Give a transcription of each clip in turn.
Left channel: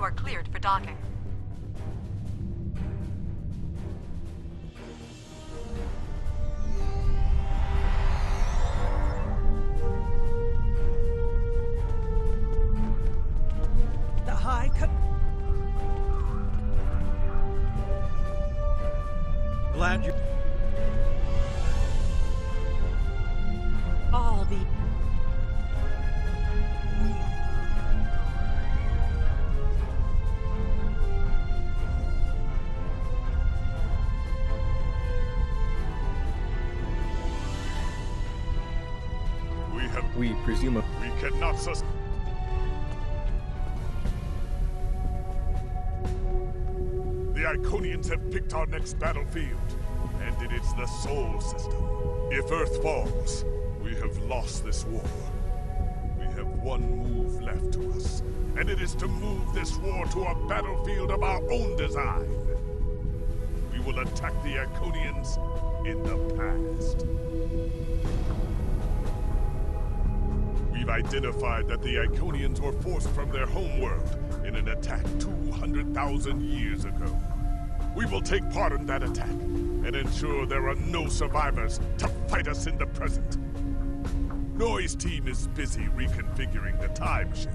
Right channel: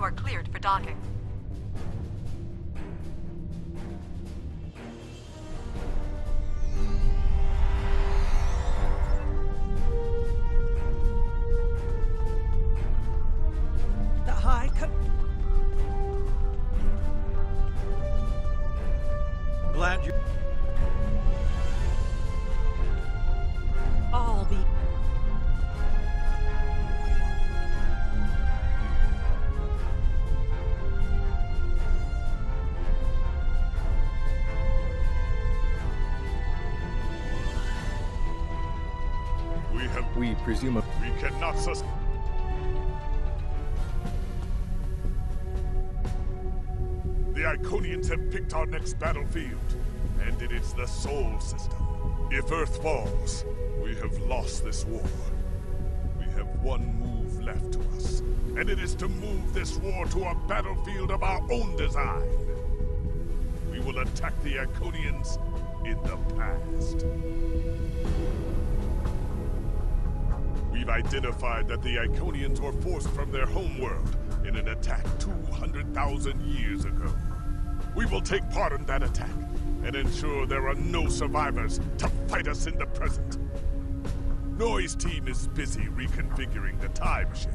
You are cleared for docking. The High Co- Glad you... All the... We presume... We cannot The Iconians have picked our next battlefield, and it is the Sol system. If Earth falls, we have lost this war. We have one move left to us, and it is to move this war to a battlefield of our own design. We will attack the Iconians in the past. We've identified that the Iconians were forced from their homeworld in an attack 200,000 years ago. We will take part in that attack and ensure there are no survivors to fight us in the present. Noy's team is busy reconfiguring the time ship.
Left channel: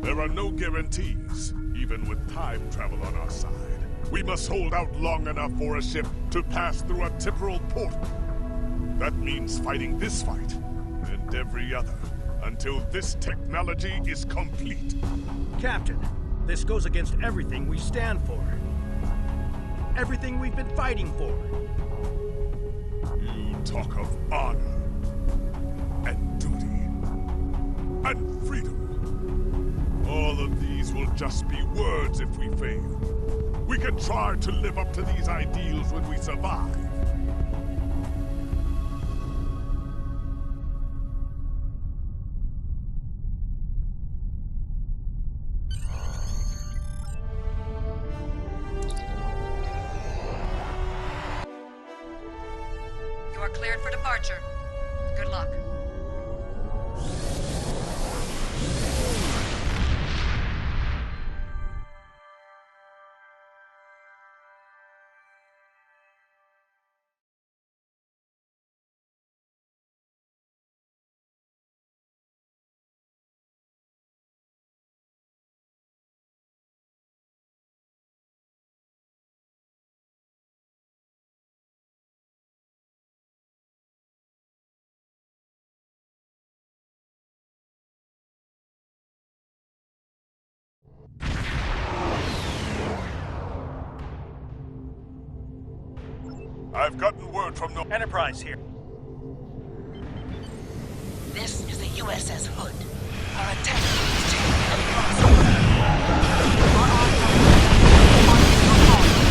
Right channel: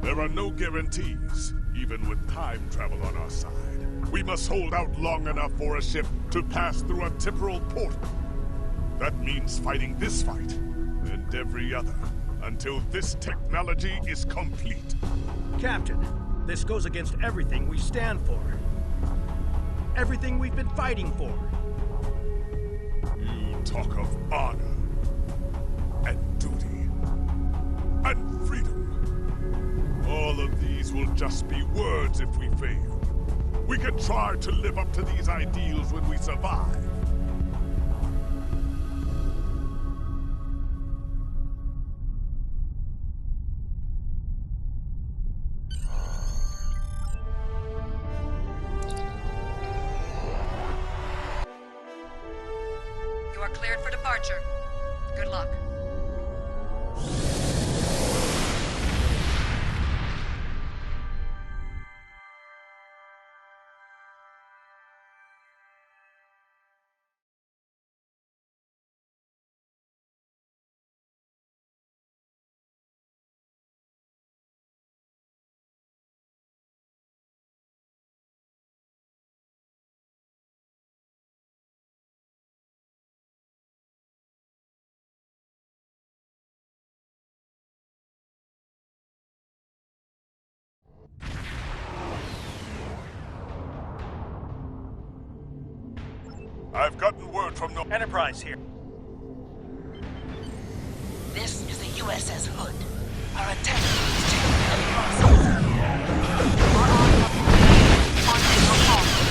There are no guarantees, even with time travel on our side. We must hold out long enough for a ship to pass through a temporal portal. That means fighting this fight and every other until this technology is complete. Captain, this goes against everything we stand for. Everything we've been fighting for. You talk of honor and duty and freedom. All of these will just be words if we fail. We can try to live up to these ideals when we survive. You are cleared for departure. Good luck. I've gotten word from Enterprise here. This is the USS Hood. Our attack is taking across the world. Our on signal call.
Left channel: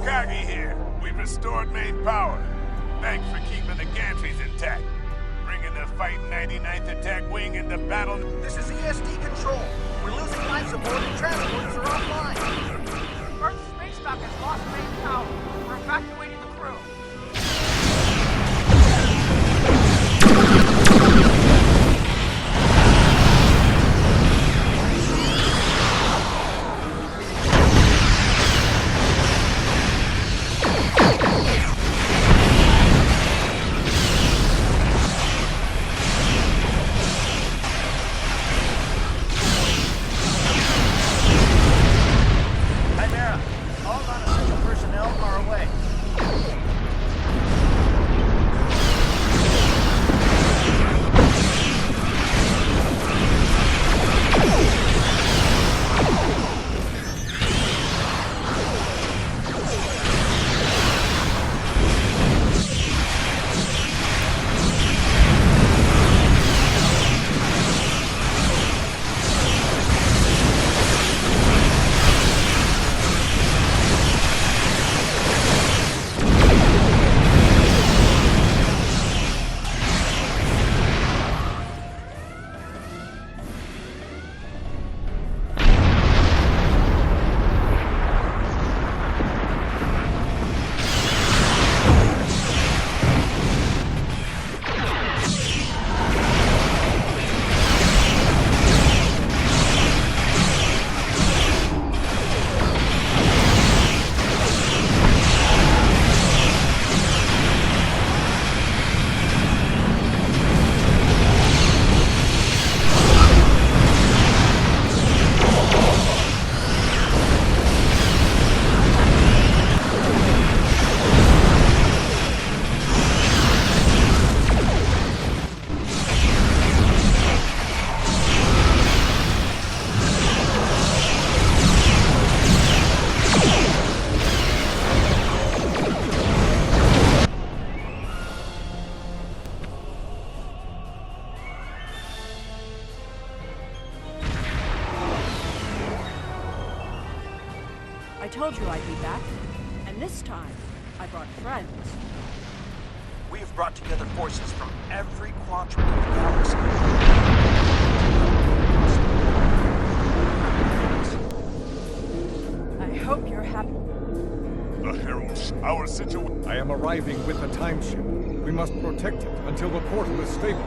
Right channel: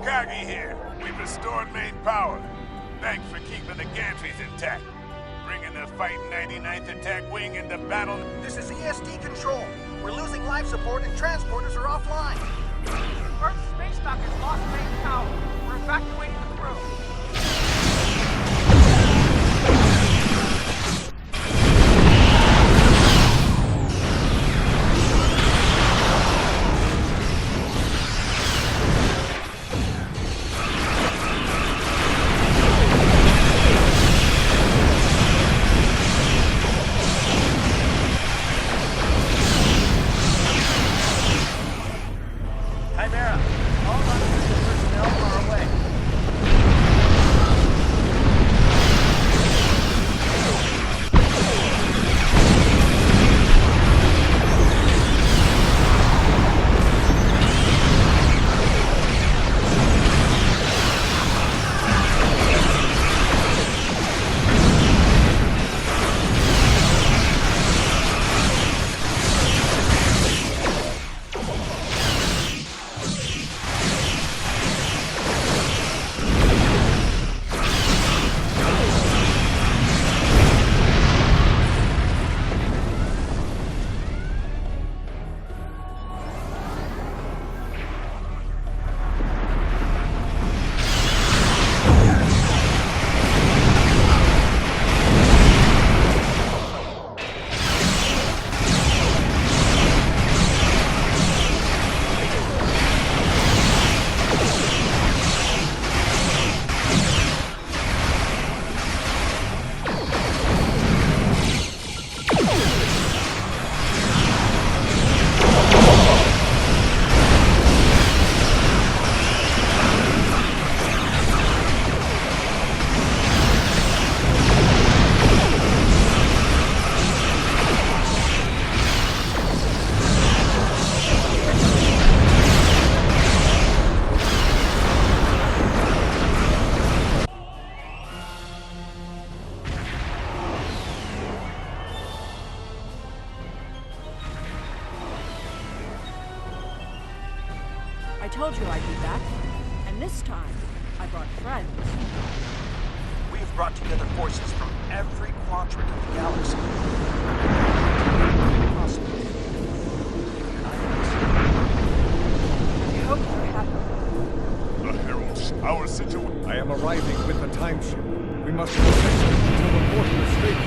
Takagi here. We've restored main power. Thanks for keeping the gantries intact. Bringing the Fight 99th Attack Wing into battle. This is EST Control. We're losing life support and transporters are offline. Earth's space dock has lost main power. We're evacuating the crew. Chimera, all non-essential personnel are away. I told you I'd be back, and this time, I brought friends. We've brought together forces from every quadrant of the galaxy. I hope you're happy. The Heralds, our situation. I am arriving with the time ship. We must protect it until the portal is stable.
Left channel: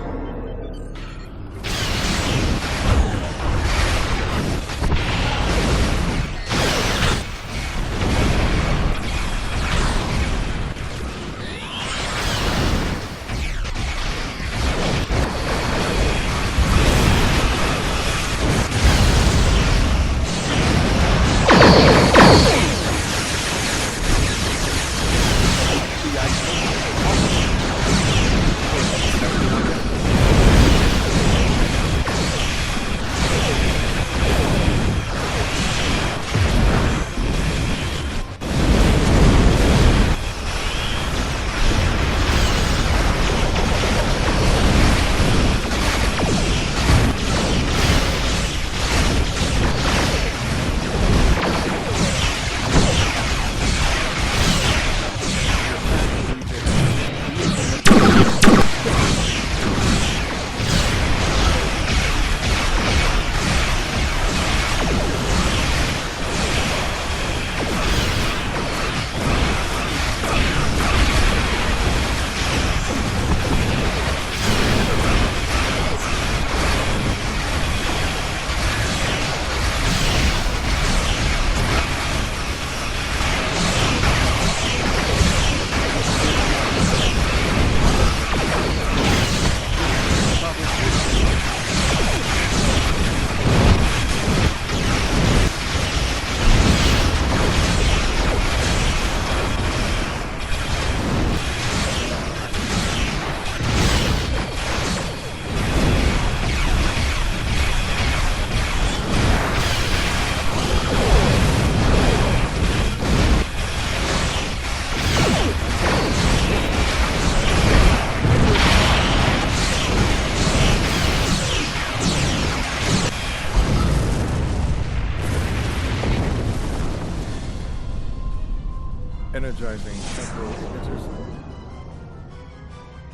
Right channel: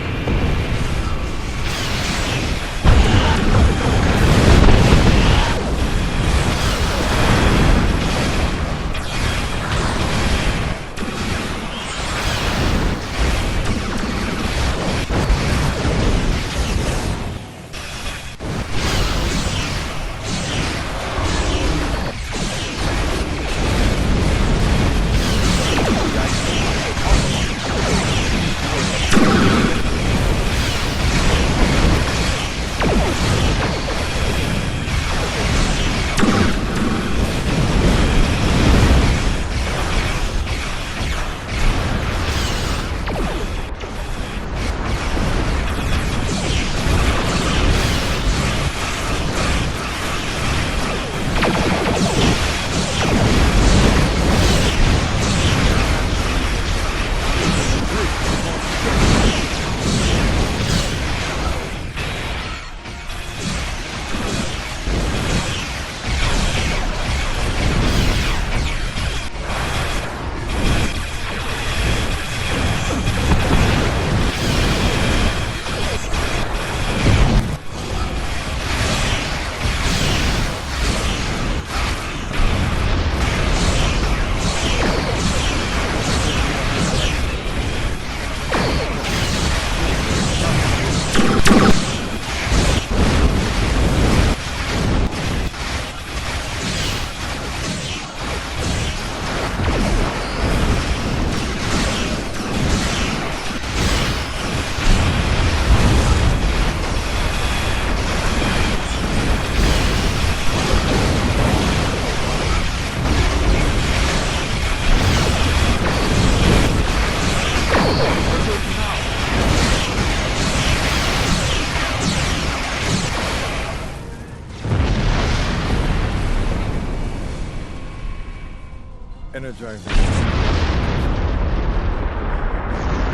Energizing control position.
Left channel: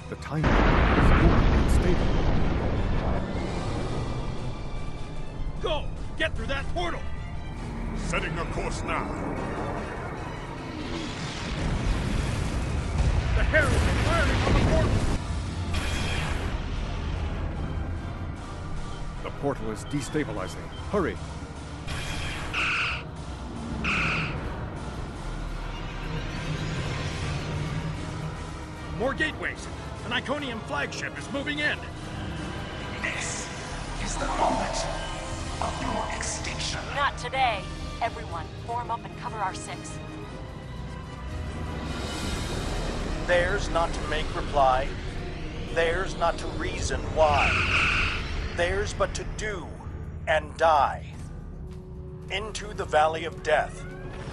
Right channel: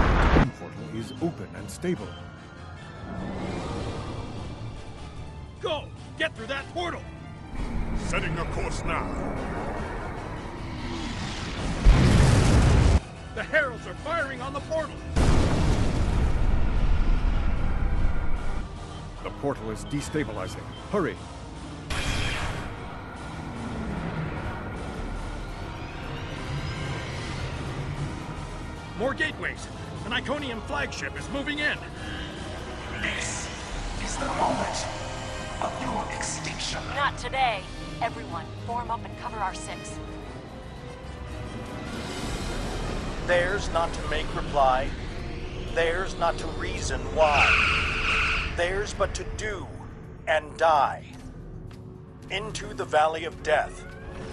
The time shield is open and stable. Go! Get through that portal! Setting a course now. The Heralds are firing on the portal! The portal is destabilizing. Hurry! More gateways! An Iconian flagship is moving in! This is the moment of your extinction. Not today. Everyone, form up and cover our 6. Theirs not to make reply. Theirs not to reason why. Theirs but to do and die. Into the valley of death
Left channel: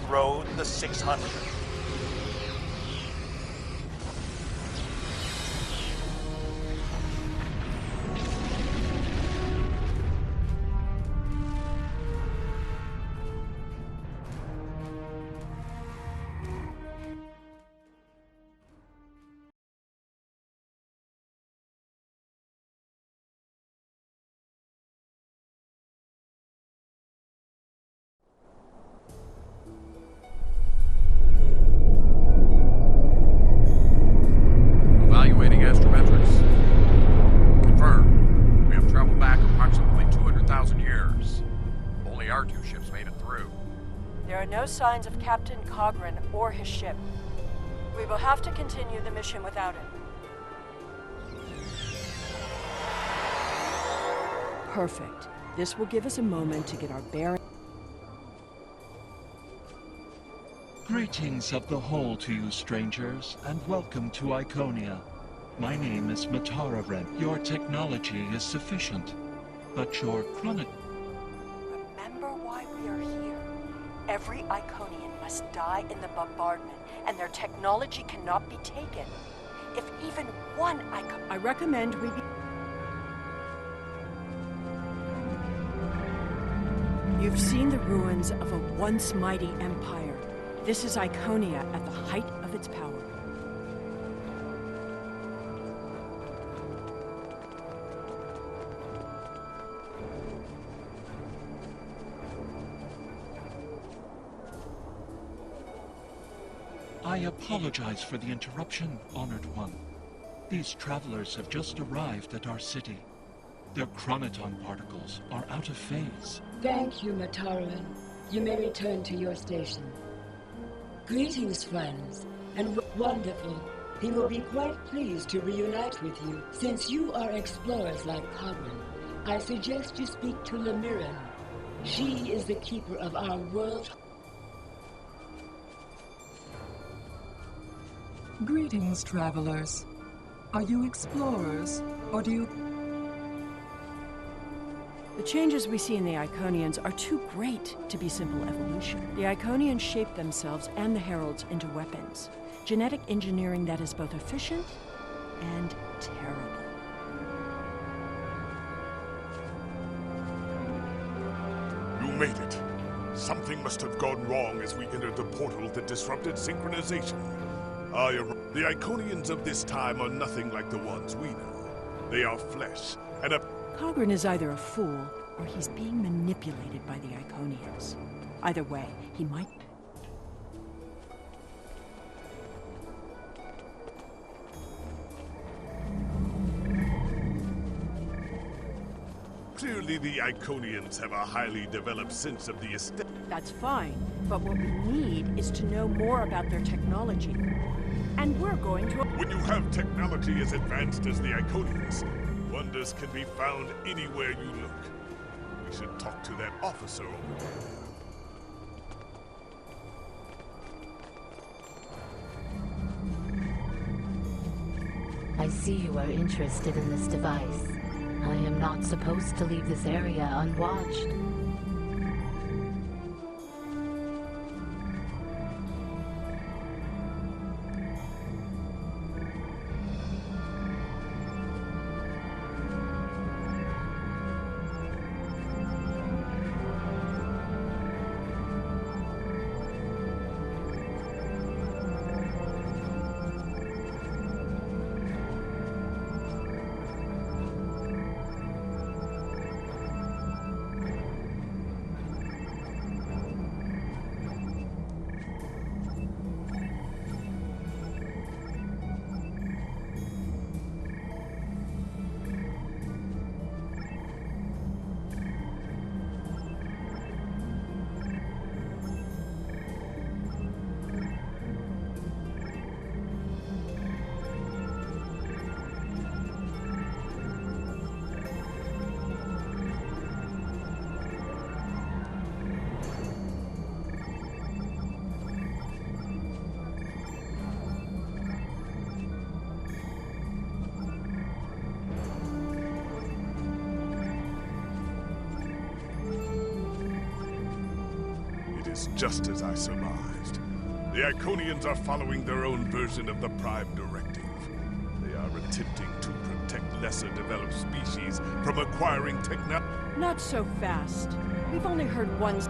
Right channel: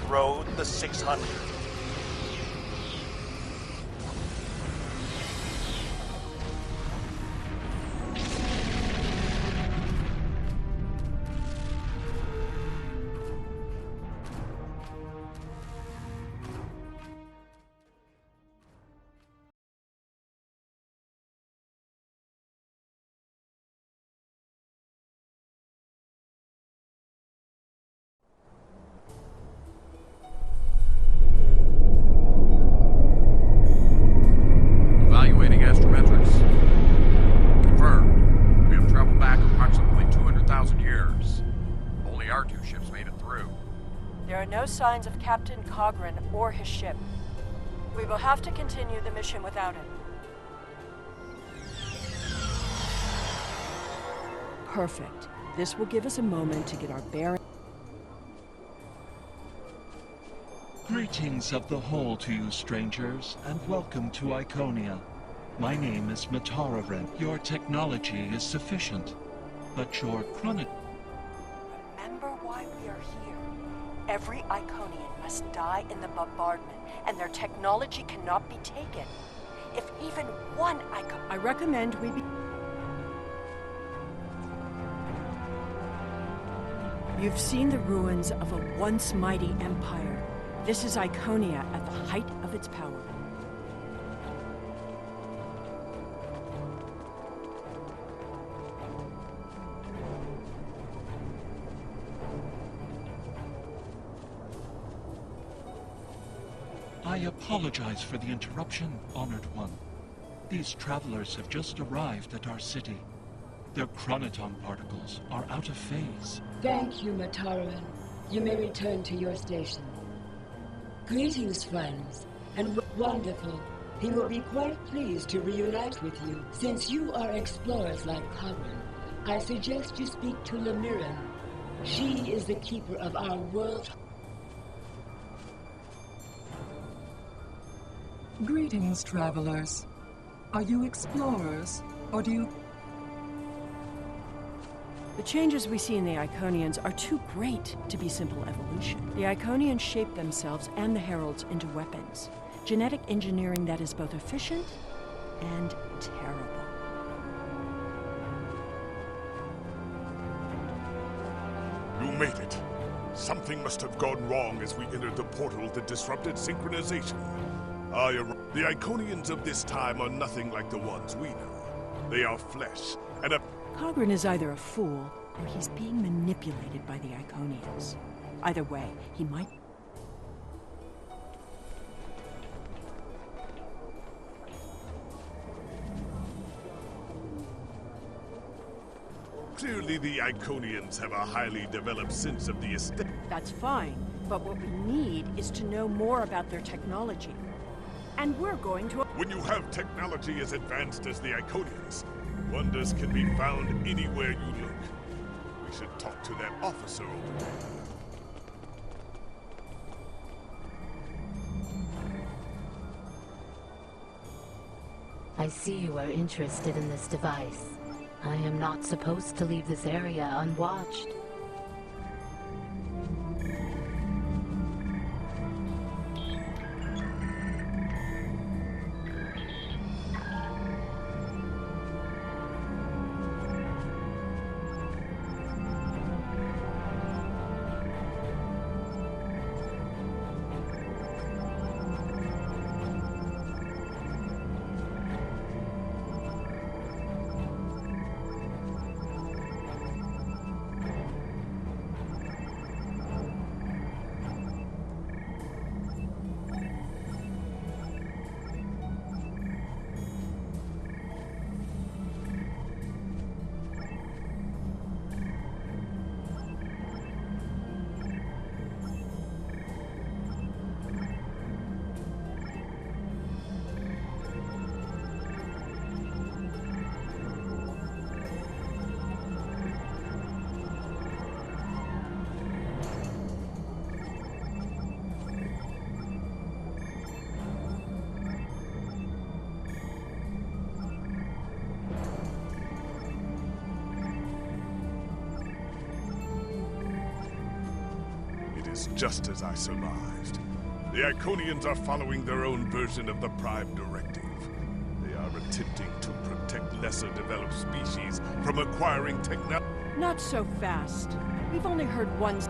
rode the 600. Evaluating astrometrics. Confirmed. We have traveled back approximately 200,000 years. Only our 2 ships made it through. There are no signs of Captain Cogran or his ship. We will have to continue the mission without him. Perfect. This will give us a moment to get our bearings. Greetings of the whole to you, strangers, and welcome to Iconia. My name is Matara. Your technology is sufficient, but your chronic... Remember why we are here. Every Iconian must die in the bombardment, and their technology cannot be taken. If even one I recommend we be... You've seen the ruins of a once mighty empire. This is Iconia at the height of its power. I apologize for the interruption, Honored One. These travelers have just arrived at our city. Their chronoton particles are out of phase. Thank you, Mataran. You may return to your station. Greetings, friends, and wonderful. He will be quite pleased to reunite with you. Since you are explorers like Cogran, I suggest you speak to Lemiran. She is the keeper of our world. Greetings, travelers. Are you explorers, or do you... The changes we see in the Iconians are too great to be simple evolution. The Iconians shape themselves and the Heralds into weapons. Genetic engineering that is both efficient and terrible. You made it. Something must have gone wrong as we entered the portal that disrupted synchronization. The Iconians of this time are nothing like the ones we know. They are flesh, and a... Cogran is either a fool, or he's being manipulated by the Iconians. Either way, he might... Clearly the Iconians have a highly developed sense of the aesthetic. That's fine, but what we need is to know more about their technology. And we're going to... When you have technology as advanced as the Iconians, wonders can be found anywhere you look. We should talk to that officer over there. I see you are interested in this device. I am not supposed to leave this area unwatched. It is just as I surmised. The Iconians are following their own version of the Prime Directive. They are attempting to protect lesser developed species from acquiring technology. Not so fast. We've only heard one.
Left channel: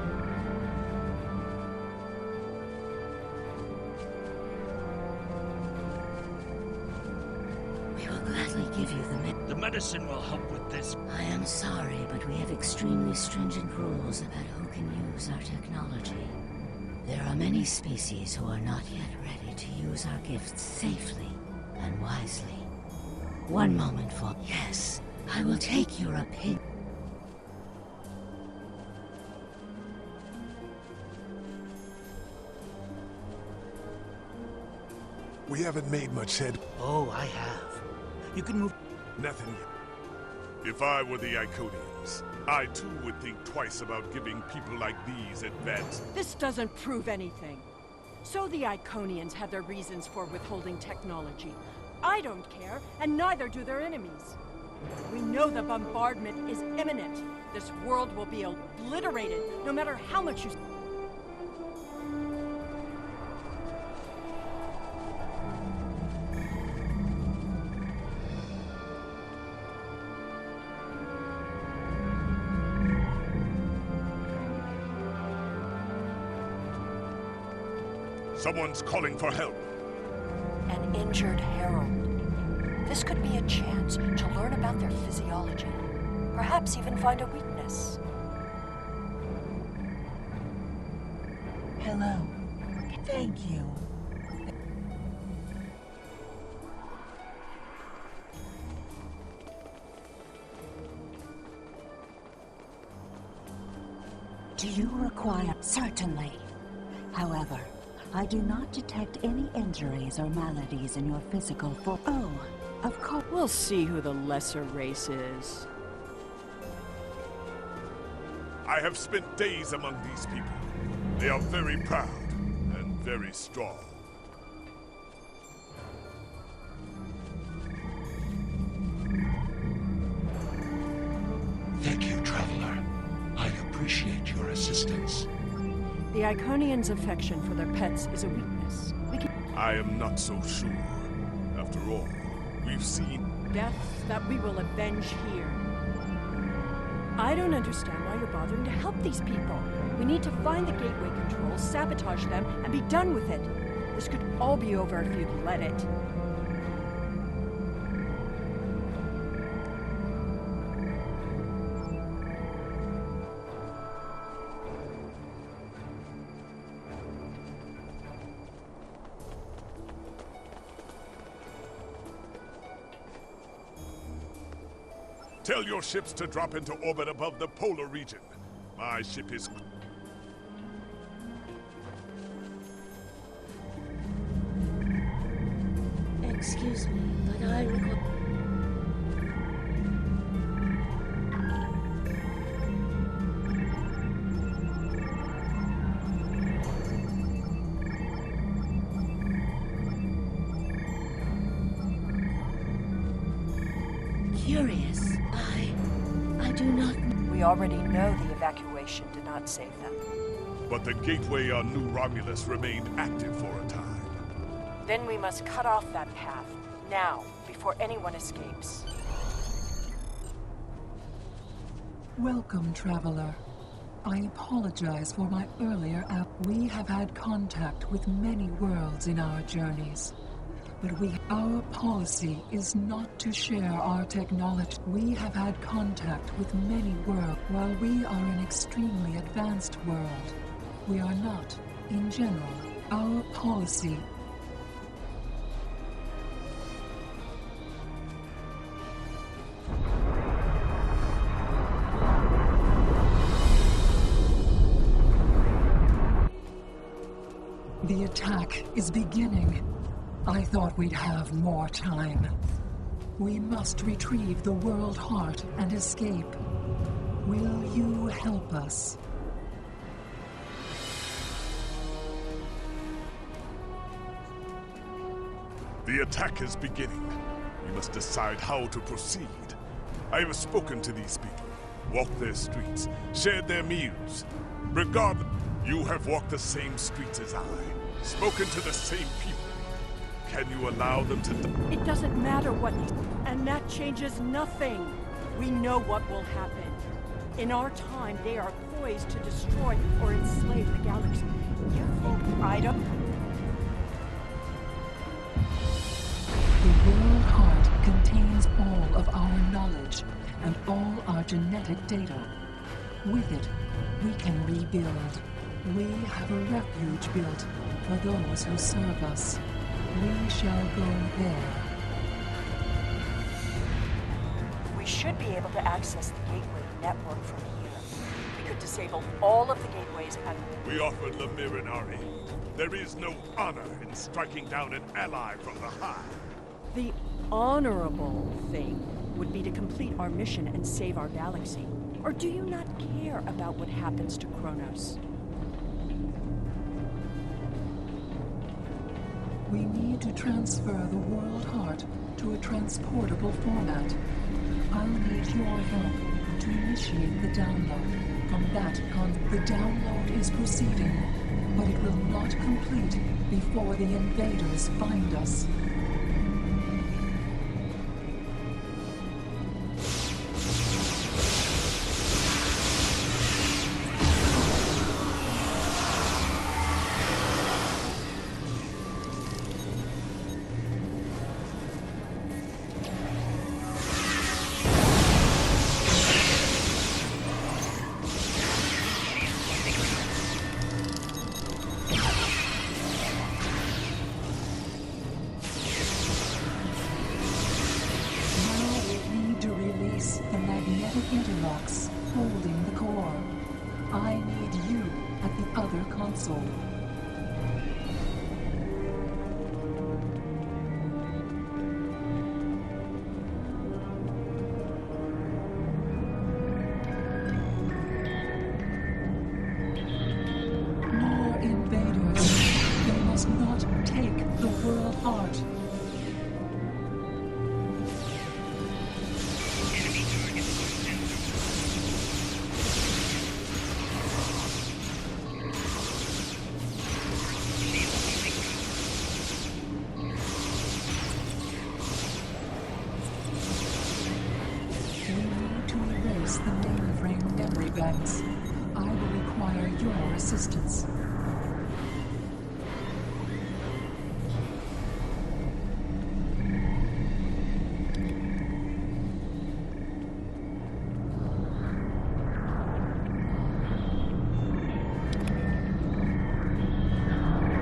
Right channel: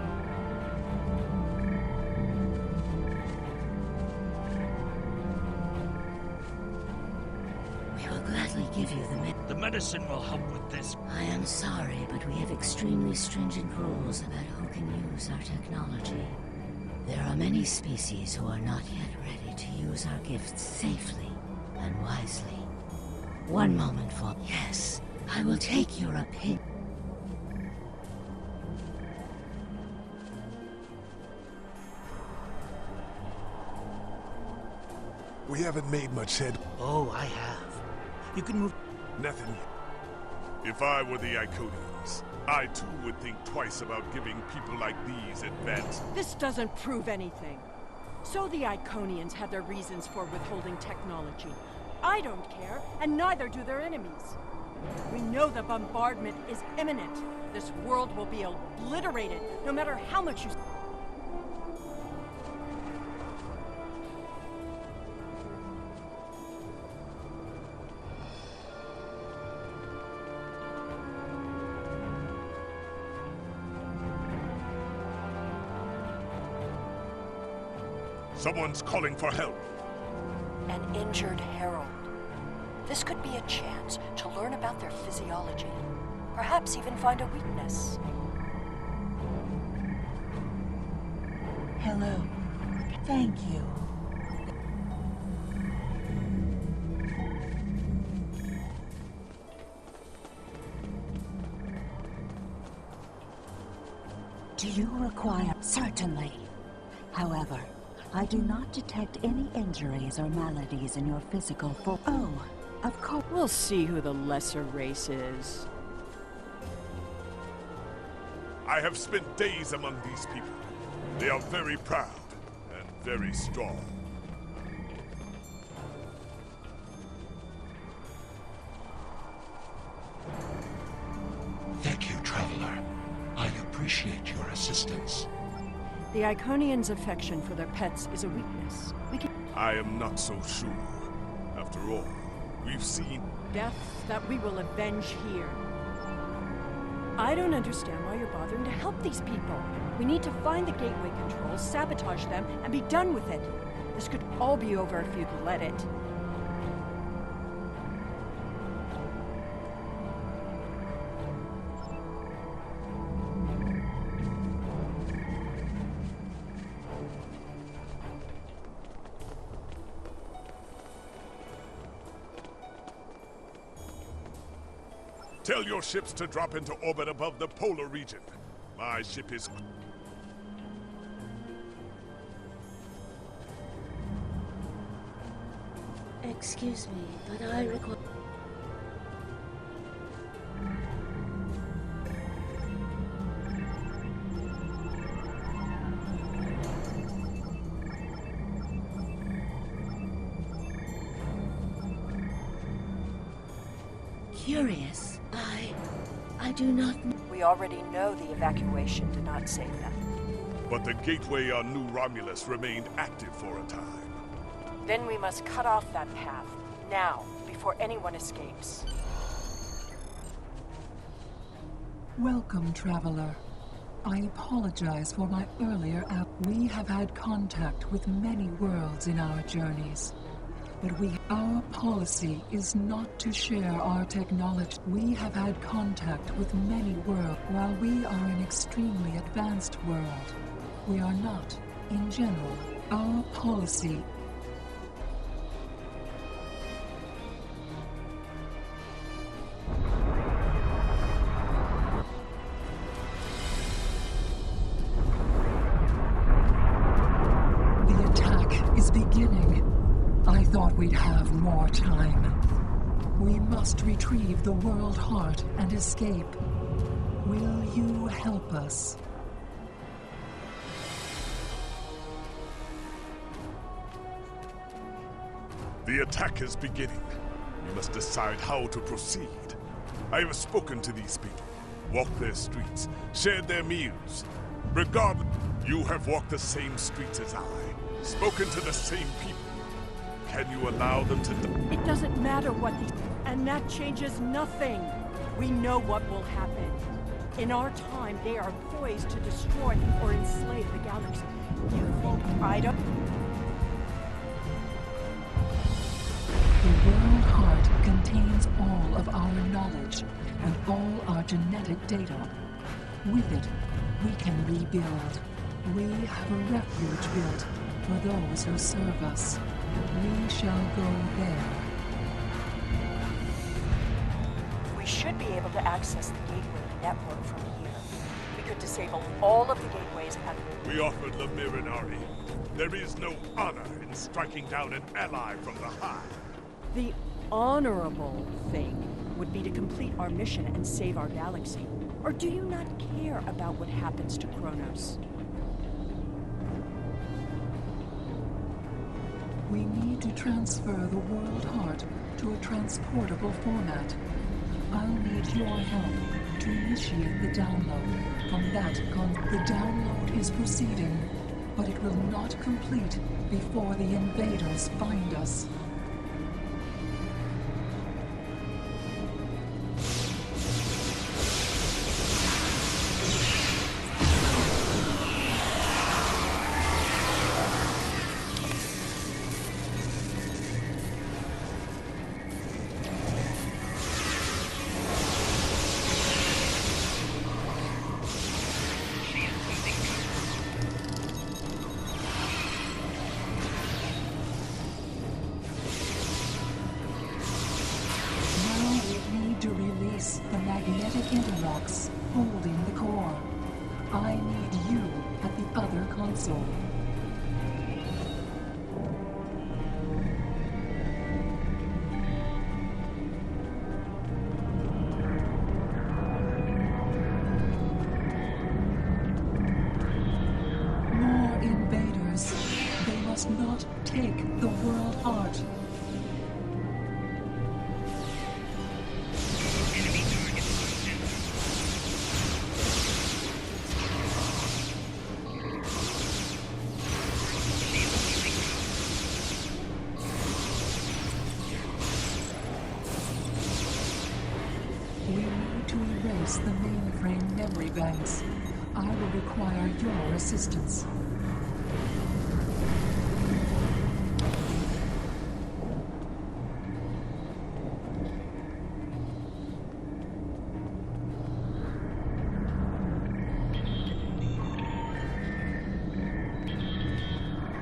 We will gladly give you the medicine will help with this. I am sorry, but we have extremely stringent rules about who can use our technology. There are many species who are not yet ready to use our gifts safely and wisely. One moment for... Yes, I will take your opinion. We haven't made much head. Oh, I have. You can move... Nothing yet. If I were the Iconians, I too would think twice about giving people like these advance. This doesn't prove anything. So the Iconians had their reasons for withholding technology. I don't care, and neither do their enemies. We know the bombardment is imminent. This world will be obliterated, no matter how much you... Someone's calling for help. An injured Herald. This could be a chance to learn about their physiology. Perhaps even find a weakness. Hello. Thank you. Do you require... Certainly. However, I do not detect any injuries or maladies in your physical form. Oh, of course. We'll see who the lesser race is. I have spent days among these people. They are very proud and very strong. Thank you, Traveler. I appreciate your assistance. The Iconians' affection for their pets is a weakness. We can... I am not so sure. After all, we've seen... deaths that we will avenge here. I don't understand why you're bothering to help these people. We need to find the gateway controls, sabotage them, and be done with it. This could all be over if you'd let it. Tell your ships to drop into orbit above the polar region. My ship is... Excuse me, but I require... Curious. I do not... We already know the evacuation did not save them. But the gateway on New Romulus remained active for a time. Then we must cut off that path, now, before anyone escapes. Welcome, Traveler. I apologize for my earlier We have had contact with many worlds in our journeys. But our policy is not to share our technology. We have had contact with many worlds. While we are an extremely advanced world, we are not, in general. Our policy... The attack is beginning. I thought we'd have more time. We must retrieve the world heart and escape. Will you help us? The attack is beginning. We must decide how to proceed. I have spoken to these people, walked their streets, shared their meals. Regardless, You have walked the same streets as I, spoken to the same people. Can you allow them to die? It doesn't matter what these... And that changes nothing. We know what will happen. In our time, they are poised to destroy or enslave the galaxy. You think I don't... The World Heart contains all of our knowledge and all our genetic data. With it, we can rebuild. We have a refuge built for those who serve us. We shall go there. We should be able to access the gateway network from here. We could disable all of the gateways and... We offered Lemirin our aid. There is no honor in striking down an ally from the Hive. The honorable thing would be to complete our mission and save our galaxy. Or do you not care about what happens to Kronos? We need to transfer the World Heart to a transportable format. I'll need your help to initiate the download. From that the download is proceeding, but it will not complete before the invaders find us. The magnetic interlocks holding the core. I need you at the other console. More invaders. They must not take the World Heart. The mainframe memory banks. I will require your assistance.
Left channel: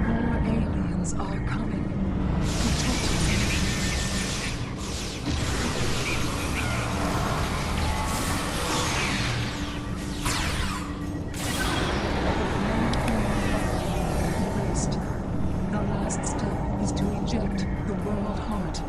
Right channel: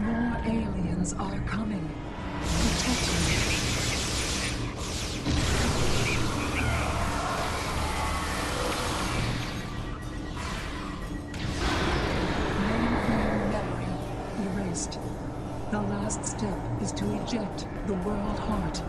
More aliens are coming. Protect me. The last step is to eject the World Heart.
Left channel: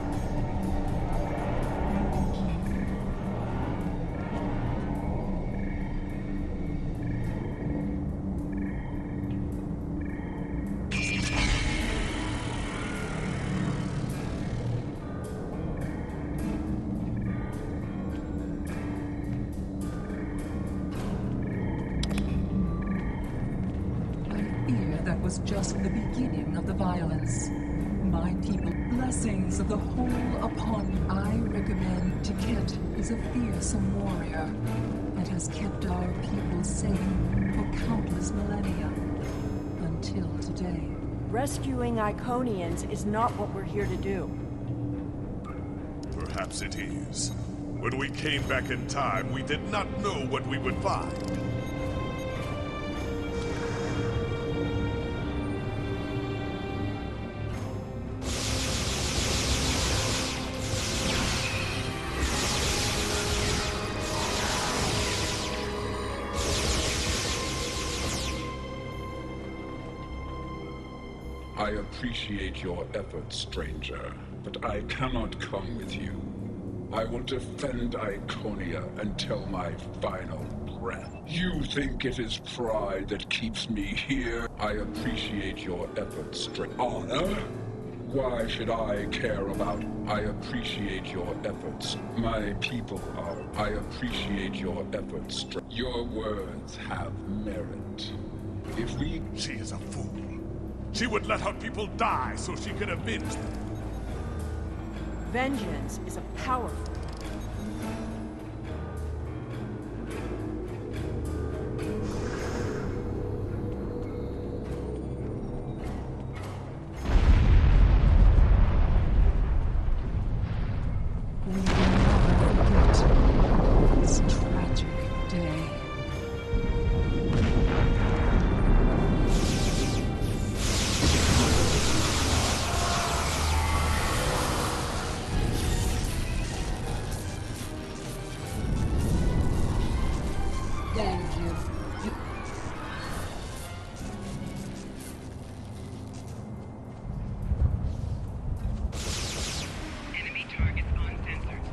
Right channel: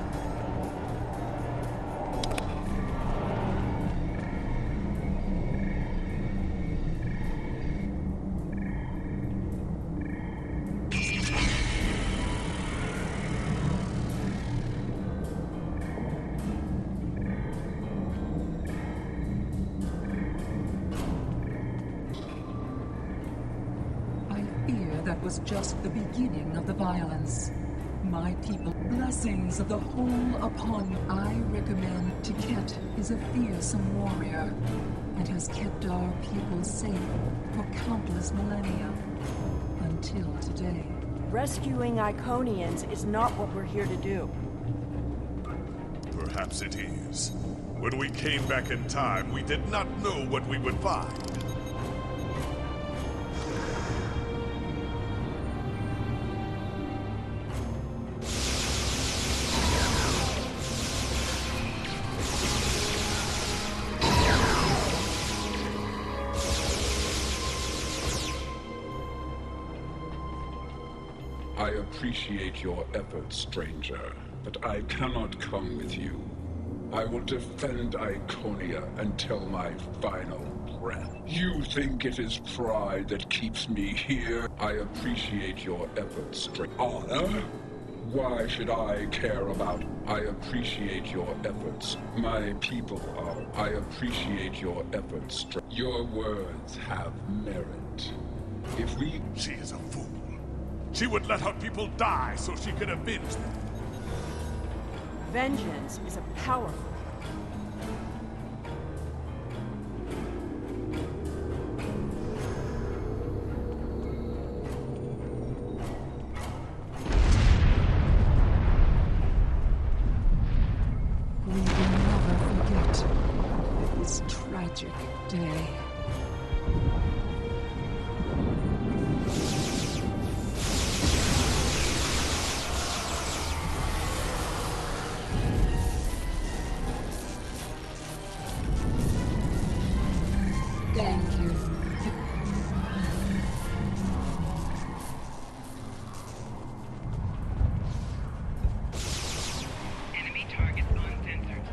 That was just the beginning of the violence. My people, blessings of the whole upon you. I recommend Tiket is a fearsome warrior and has kept our people safe for countless millennia. Until today. Rescuing Iconians is not what we're here to do. Perhaps it is. When we came back in time, we did not know what we would find. I appreciate your efforts, stranger, but I cannot come with you. I will defend Iconia until my final breath. You think it is pride that keeps me here? I appreciate your efforts, stranger. Honor? Why should I care about? I appreciate your efforts. My people are. I appreciate your efforts. Your words have merit. If we... She is a fool. She would let her people die so she could avenge them. Vengeance is a powerful... We will never forget this tragic day. Thank you. Enemy targets uncensored.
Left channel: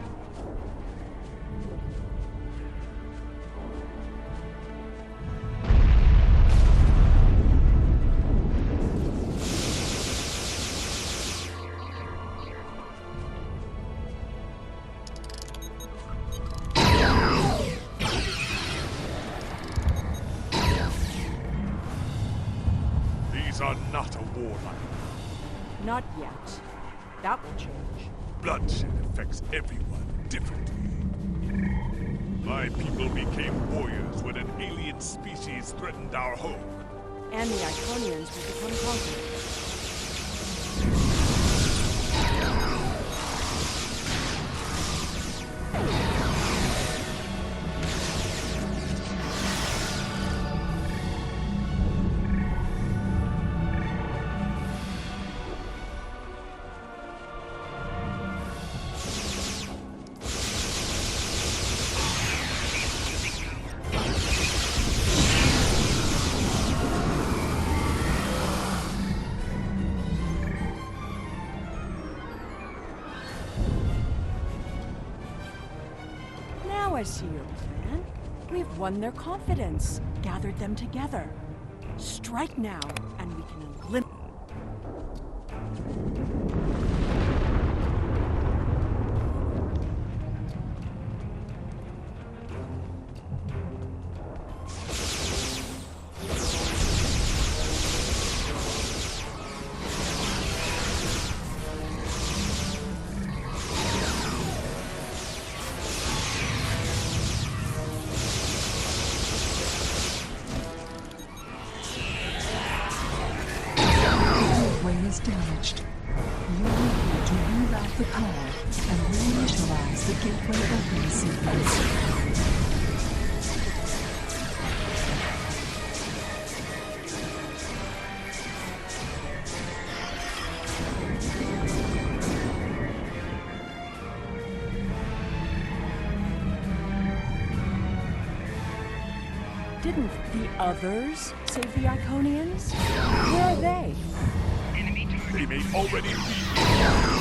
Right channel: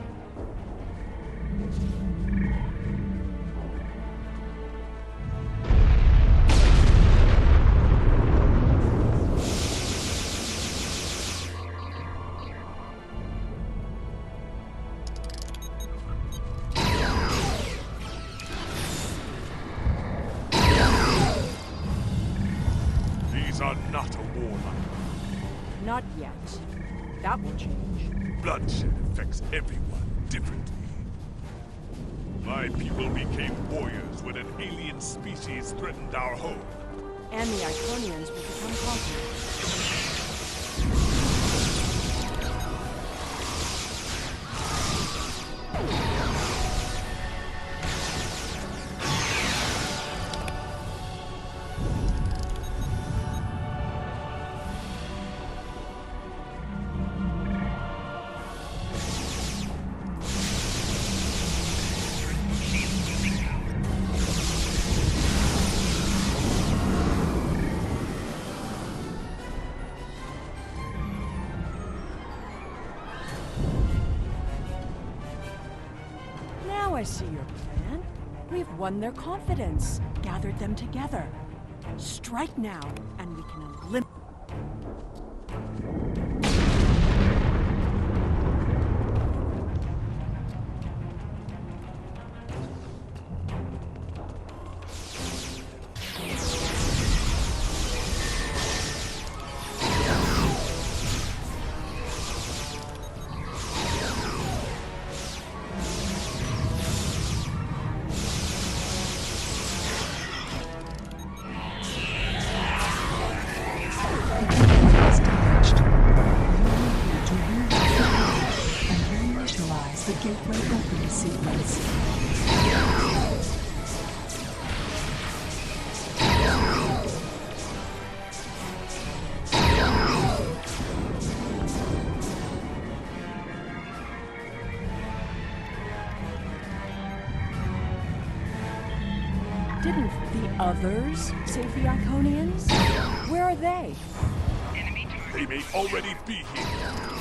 These are not a warlike. Not yet. That will change. Bloodshed affects everyone differently. My people became warriors when an alien species threatened our home. And the Iconians will become conquerors. Now I see your plan. We've won their confidence, gathered them together. Strike now, and we can eliminate... The gateway opening sequence. Didn't the others save the Iconians? Where are they? They may already be here.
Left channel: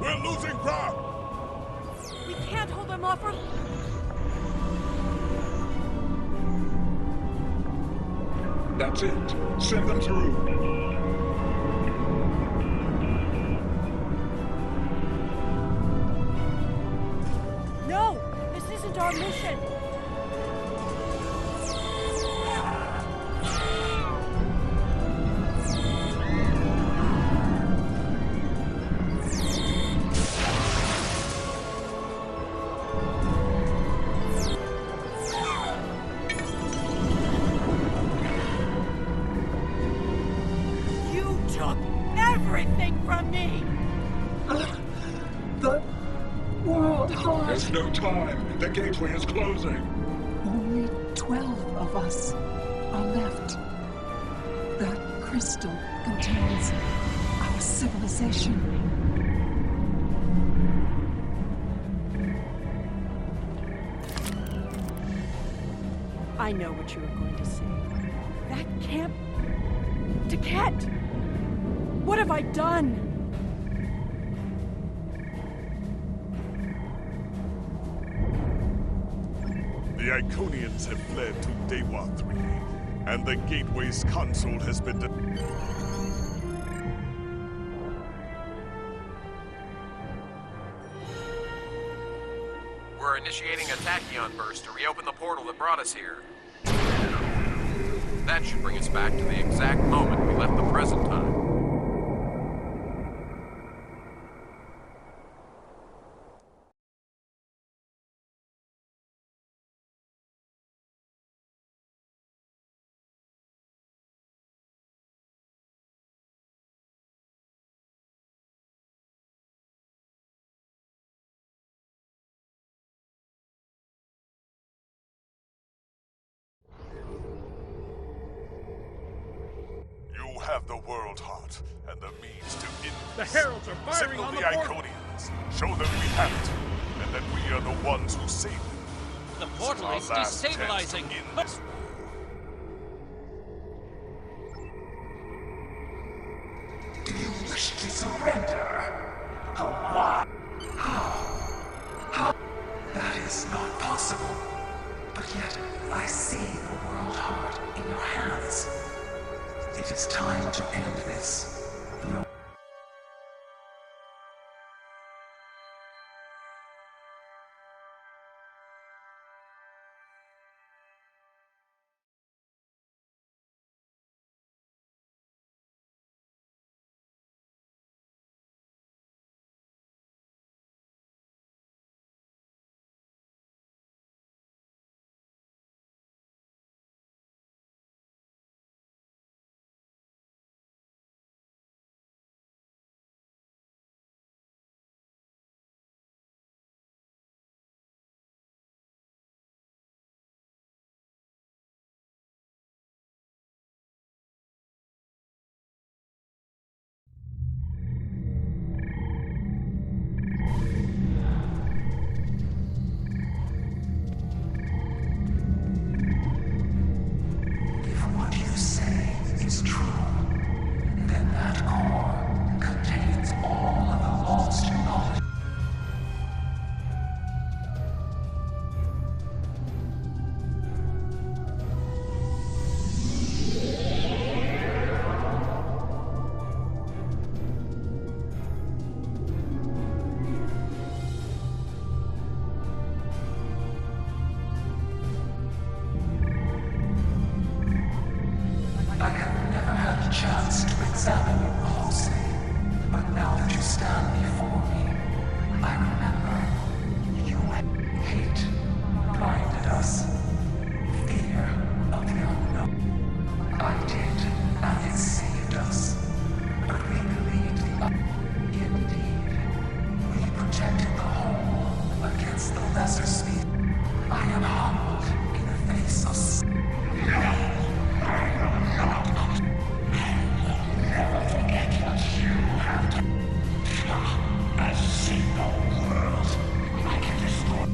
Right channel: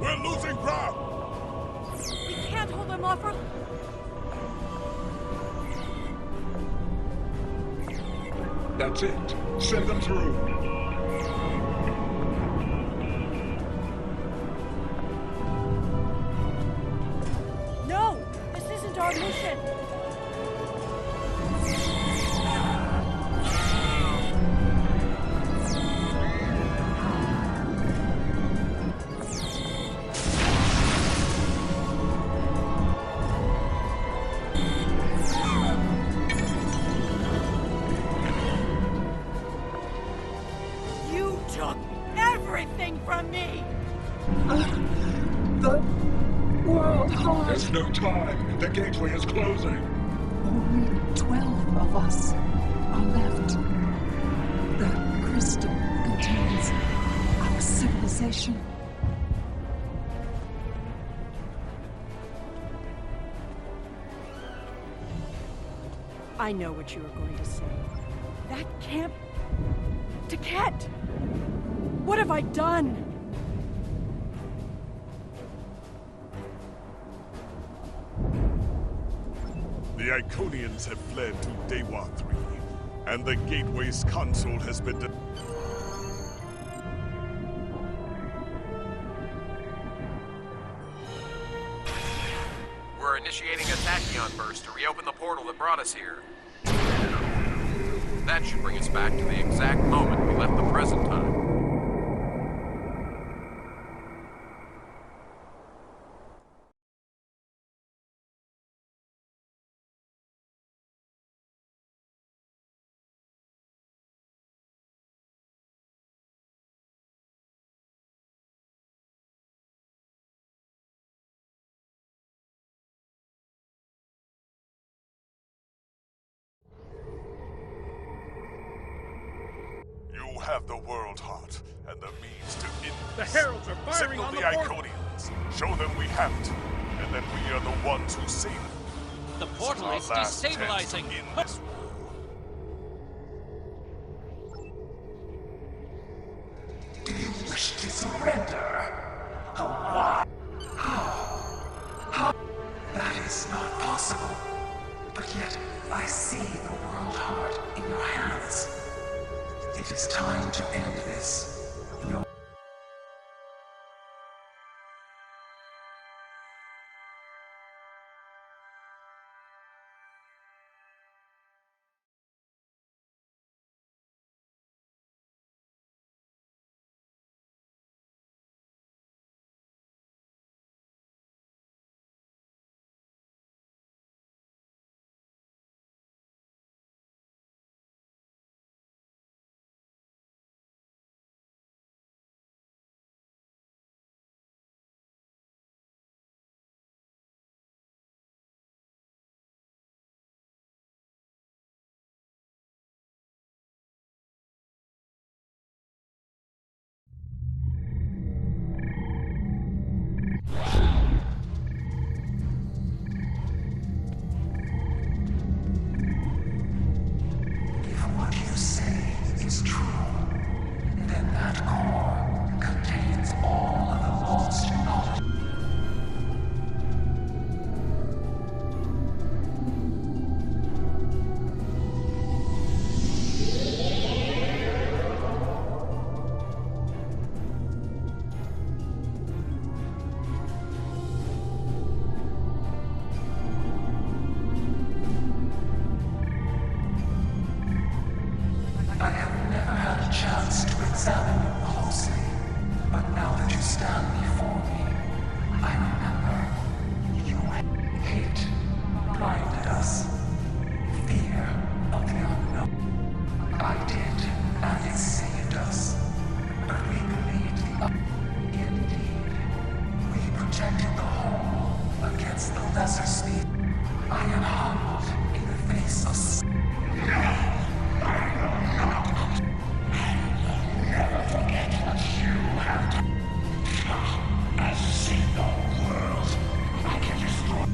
We're losing ground! We can't hold them off for... That's it. Send them through. No! This isn't our mission! You took everything from me! The world heart. There's no time. The gateway is closing. Only 12 of us are left. That crystal contains our civilization. I know what you were going to say. That can't... Taket! What have I done? The Iconians have fled to Dewa 3, and the Gateway's console has been We're initiating a tachyon burst to reopen the portal that brought us here. That should bring us back to the exact moment we left the present time. You have the world heart and the means to end The this. Heralds are firing Signal on the the portal. Iconians. Show them we have it, and that we are the ones who save them. The This portal our is last chance to destabilizing. end this war. Do you wish to surrender? Oh, why? How? That is not possible. But yet, I see the world heart in your hands. It is time to end this. No. If what you say is true, then that core contains all of the lost knowledge. I have never had a chance to examine you closely, but now that you stand before me, I remember you hate blinded us. Fear of the unknown. I did, and it saved us. But we believed the indeed. We protected the whole against the lesser species. I am humbled in the face of never forget what you have done. I see the world. I can destroy.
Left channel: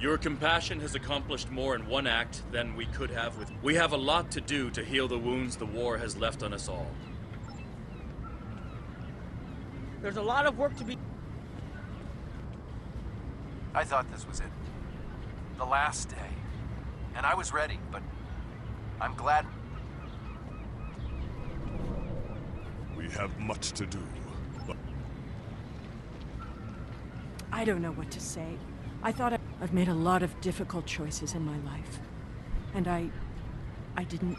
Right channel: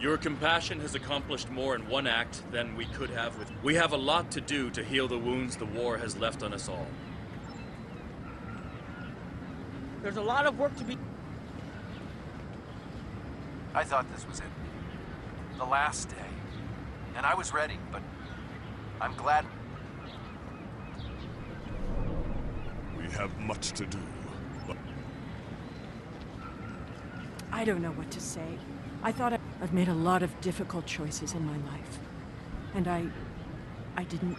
Your compassion has accomplished more in one act than we could have with... We have a lot to do to heal the wounds the war has left on us all. There's a lot of work to be... I thought this was it. The last day. And I was ready, but I'm glad... We have much to do, but... I don't know what to say. I thought I've made a lot of difficult choices in my life. And I didn't